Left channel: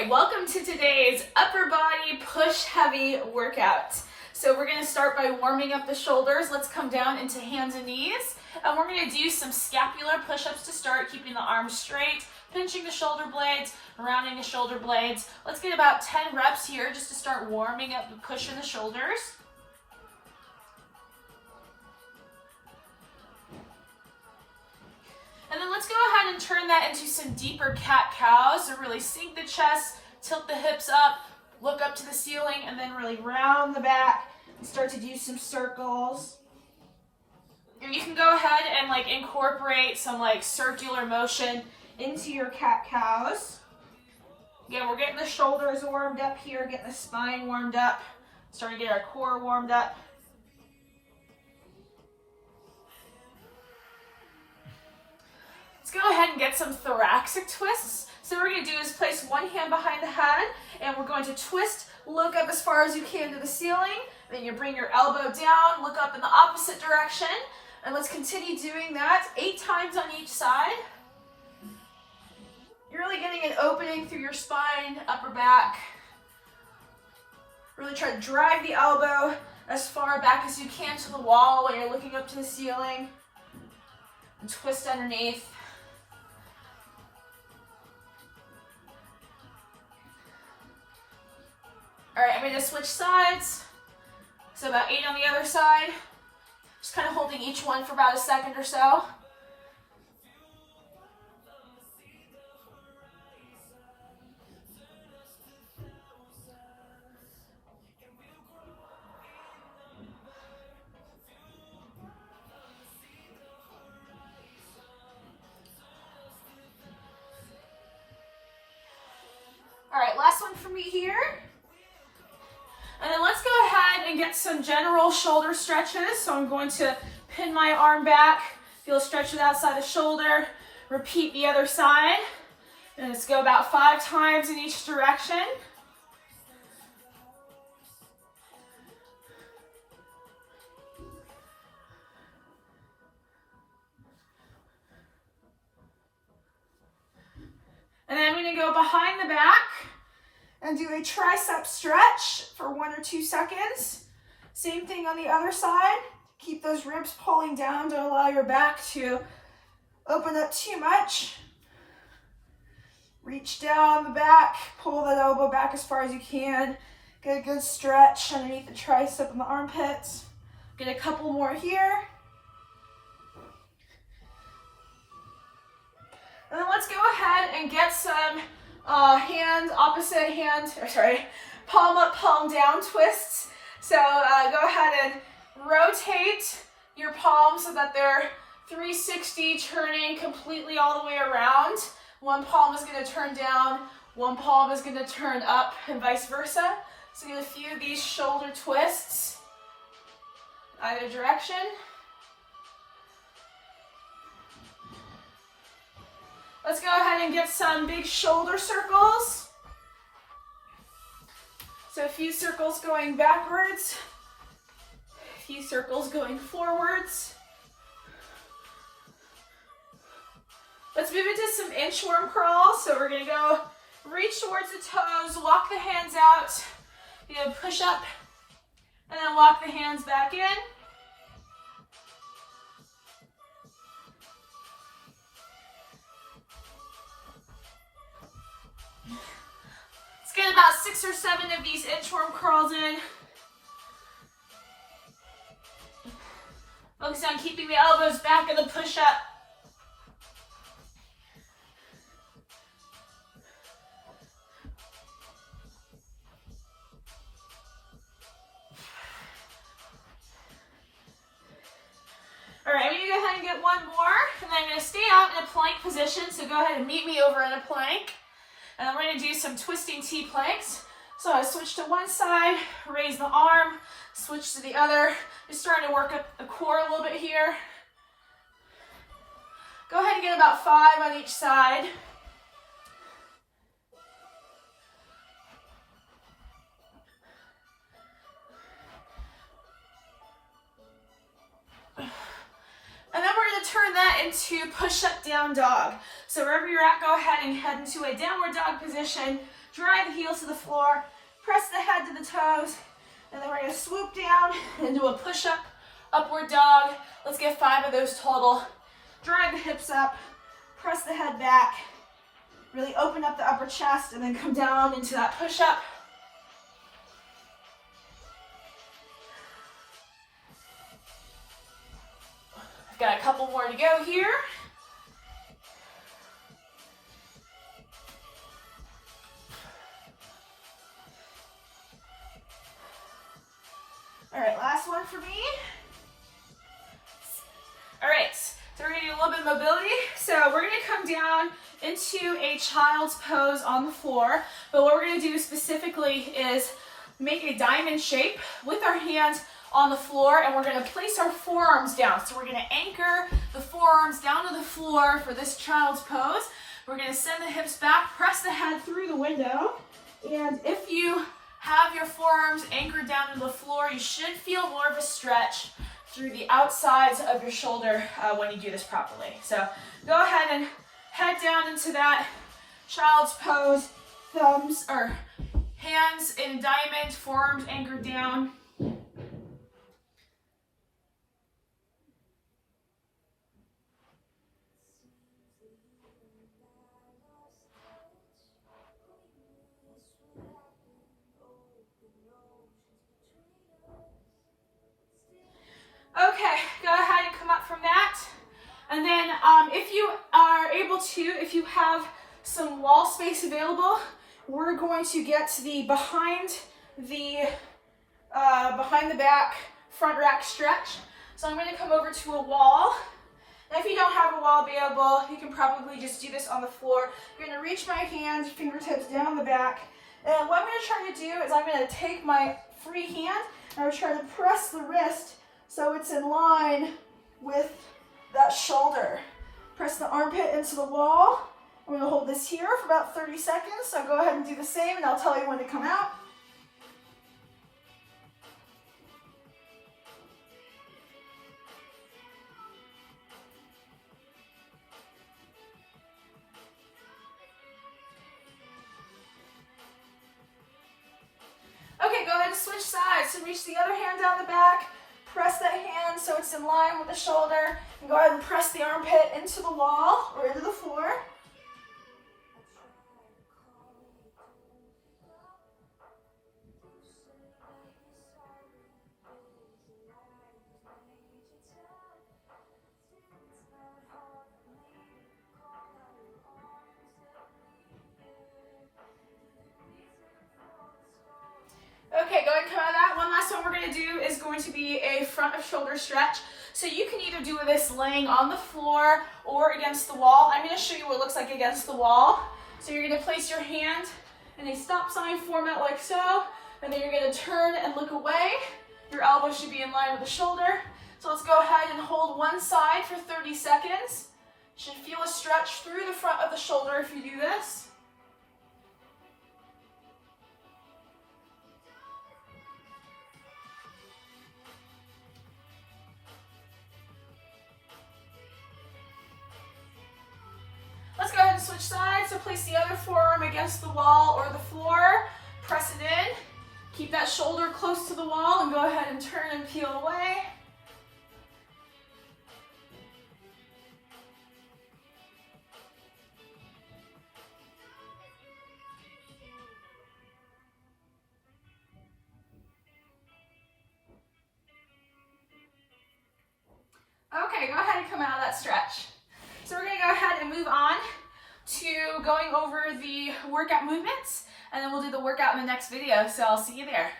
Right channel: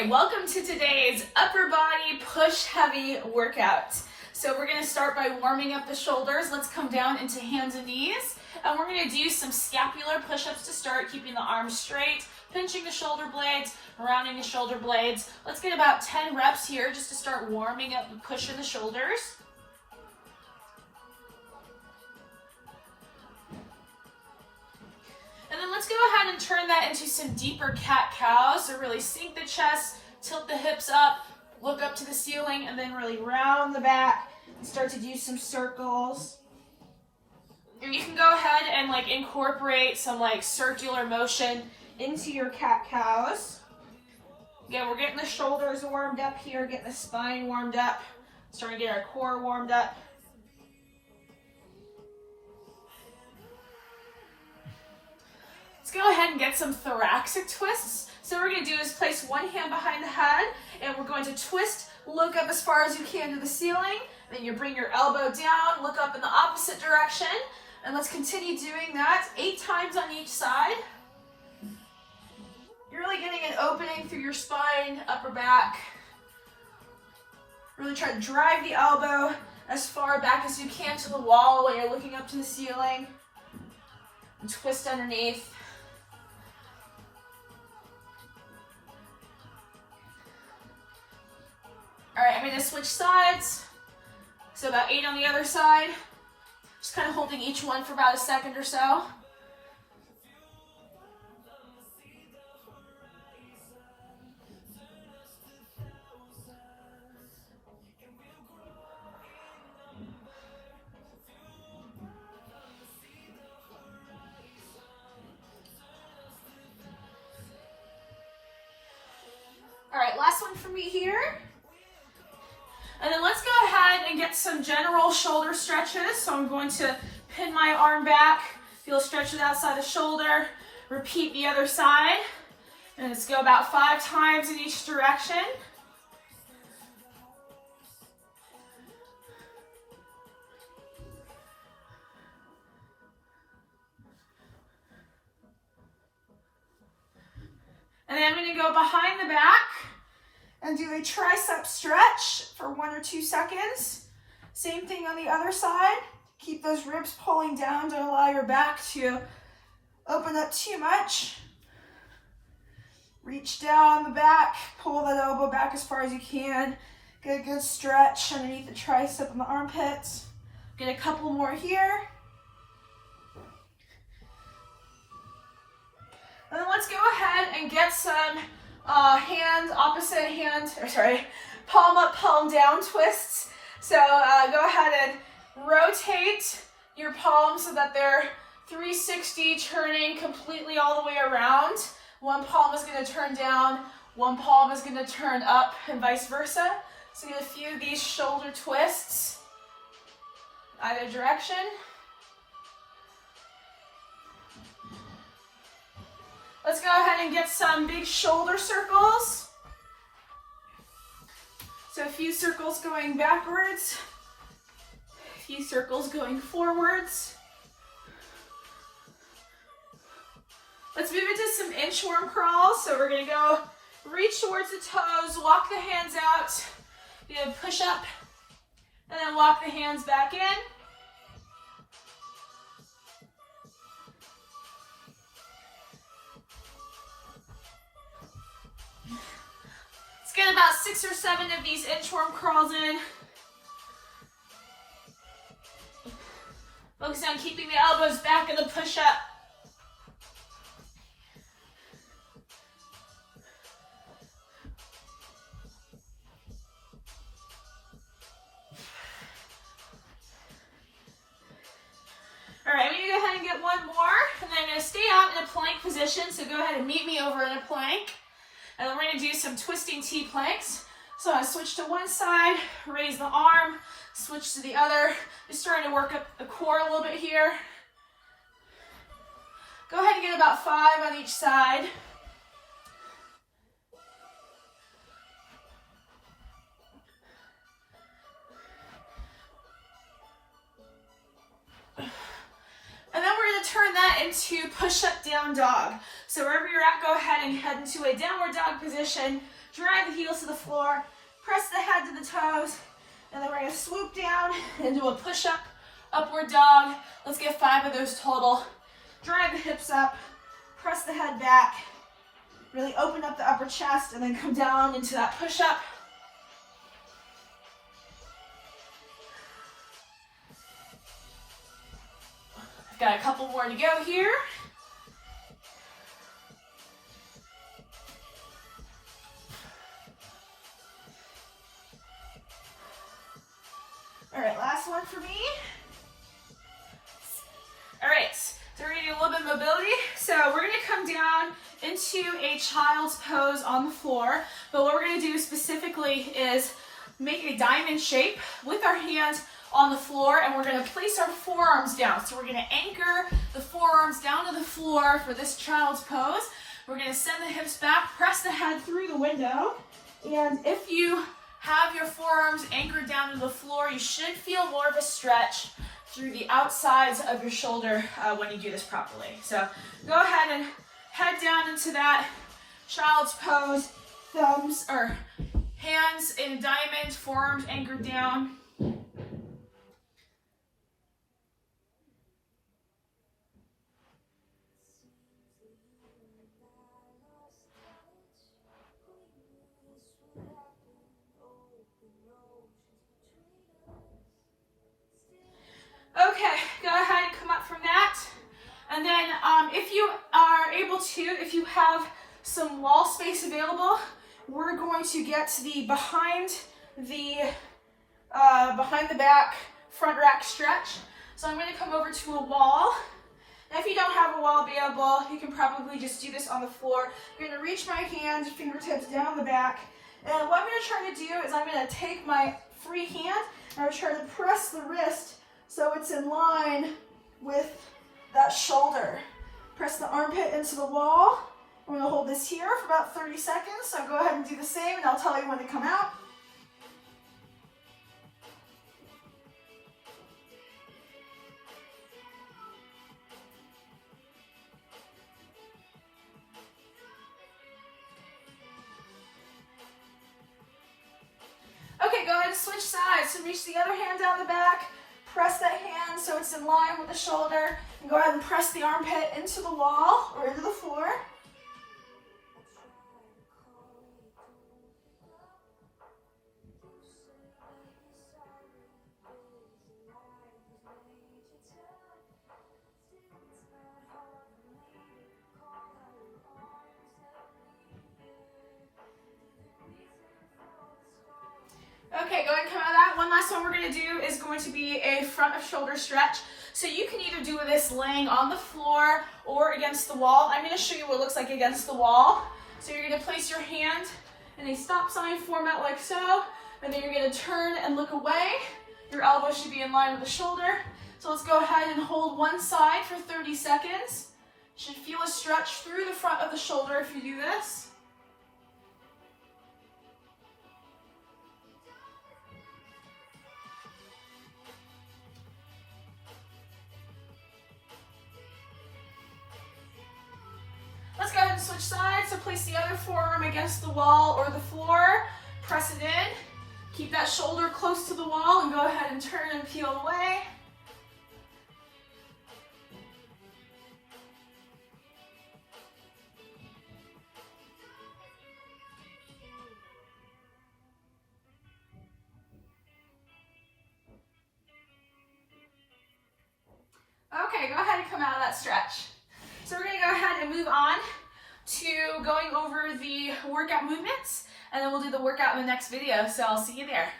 Okay, welcome to today's upper body push heavy workout. So we're going to start by warming up the shoulders. Let's come down into hands and knees. And we're going to do some scapular push-ups to start, keeping the arms straight, pinching the shoulder blades, rounding the shoulder blades. Let's get about 10 reps here just to start warming up and pushing the shoulders. And then let's go ahead and turn that into some deeper cat-cows. So really sink the chest, tilt the hips up, look up to the ceiling, and then really round the back and start to do some circles. And you can go ahead and incorporate some circular motion into your cat-cows. Again, we're getting the shoulders warmed up here, getting the spine warmed up, starting to get our core warmed up. Let's go ahead and get some thoracic twists. So what we're going to do is place one hand behind the head, and we're going to twist, look up as far as you can to the ceiling. Then you bring your elbow down, look up in the opposite direction, and let's continue doing that 8 times on each side. You're really getting an opening through your spine, upper back. Really try to drive the elbow as far back as you can to the wall when you're looking up to the ceiling. And twist underneath. All right, I'm going to switch sides. So about 8 on the other side. Just kind of holding each one for about a second or so. All right, last one for me here. And then let's go ahead and get some general shoulder stretches. So I'm going to pin my arm back, feel a stretch outside the shoulder, repeat the other side. And let's go about 5 times in each direction. And then I'm going to go behind the back and do a tricep stretch for 1 or 2 seconds. Same thing on the other side. Keep those ribs pulling down. Don't allow your back to open up too much. Reach down the back, pull that elbow back as far as you can. Get a good stretch underneath the tricep and the armpits. Get a couple more here. And then let's go ahead and get some palm up, palm down twists. So go ahead and rotate your palms so that they're 360, turning completely all the way around. One palm is going to turn down, one palm is going to turn up, and vice versa. So do a few of these shoulder twists, either direction. Let's go ahead and get some big shoulder circles. So a few circles going backwards, a few circles going forwards. Let's move into some inchworm crawls. So we're going to go reach towards the toes, walk the hands out, push up, and then walk the hands back in. Let's get about 6 or 7 of these inchworm crawls in. Focus on keeping the elbows back in the push-up. All right, I'm going to go ahead and get one more, and then I'm going to stay out in a plank position, so go ahead and meet me over in a plank. And then we're going to do some twisting T-planks. So I switch to one side, raise the arm, switch to the other. Just starting to work up the core a little bit here. Go ahead and get about 5 on each side. And then we're going to turn that into push-up down dog. So wherever you're at, go ahead and head into a downward dog position. drive the heels to the floor, press the head to the toes, and then we're gonna swoop down and do a push-up, upward dog. Let's get 5 of those total. Drive the hips up, press the head back, really open up the upper chest, and then come down into that push-up. I've got a couple more to go here. All right, last one for me. All right, so we're gonna do a little bit of mobility. So we're gonna come down into a child's pose on the floor, but what we're gonna do specifically is make a diamond shape with our hands on the floor, and we're gonna place our forearms down. So we're gonna anchor the forearms down to the floor for this child's pose. We're gonna send the hips back, press the head through the window, and if you have your forearms anchored down to the floor, you should feel more of a stretch through the outsides of your shoulder when you do this properly. So go ahead and head down into that child's pose, thumbs or hands in diamond, forearms anchored down. Okay, go ahead and come up from that. And then if you are able to, if you have some wall space available, we're going to get to the behind the back front rack stretch. So I'm going to come over to a wall. And if you don't have a wall available, you can probably just do this on the floor. You're going to reach my hands, fingertips down the back. And what I'm going to try to do is I'm going to take my free hand and I'm trying to press the wrist so it's in line with that shoulder. Press the armpit into the wall. I'm going to hold this here for about 30 seconds. So go ahead and do the same and I'll tell you when to come out. Okay, go ahead and switch sides. So reach the other hand down the back. Press that hand so it's in line with the shoulder. And go ahead and press the armpit into the wall or into the floor. Okay, go ahead and come out of that. One last one we're going to do is going to be a front of shoulder stretch. So you can either do this laying on the floor or against the wall. I'm going to show you what it looks like against the wall. So you're going to place your hand in a stop sign format like so, and then you're going to turn and look away. Your elbow should be in line with the shoulder. So let's go ahead and hold one side for 30 seconds. You should feel a stretch through the front of the shoulder if you do this. Let's go ahead and switch sides. So place the other forearm against the wall or the floor. Press it in. Keep that shoulder close to the wall and go ahead and turn and peel away. Okay, go ahead and come out of that stretch. So we're going to go ahead and move on to going over the workout movements, and then we'll do the workout in the next video. So I'll see you there.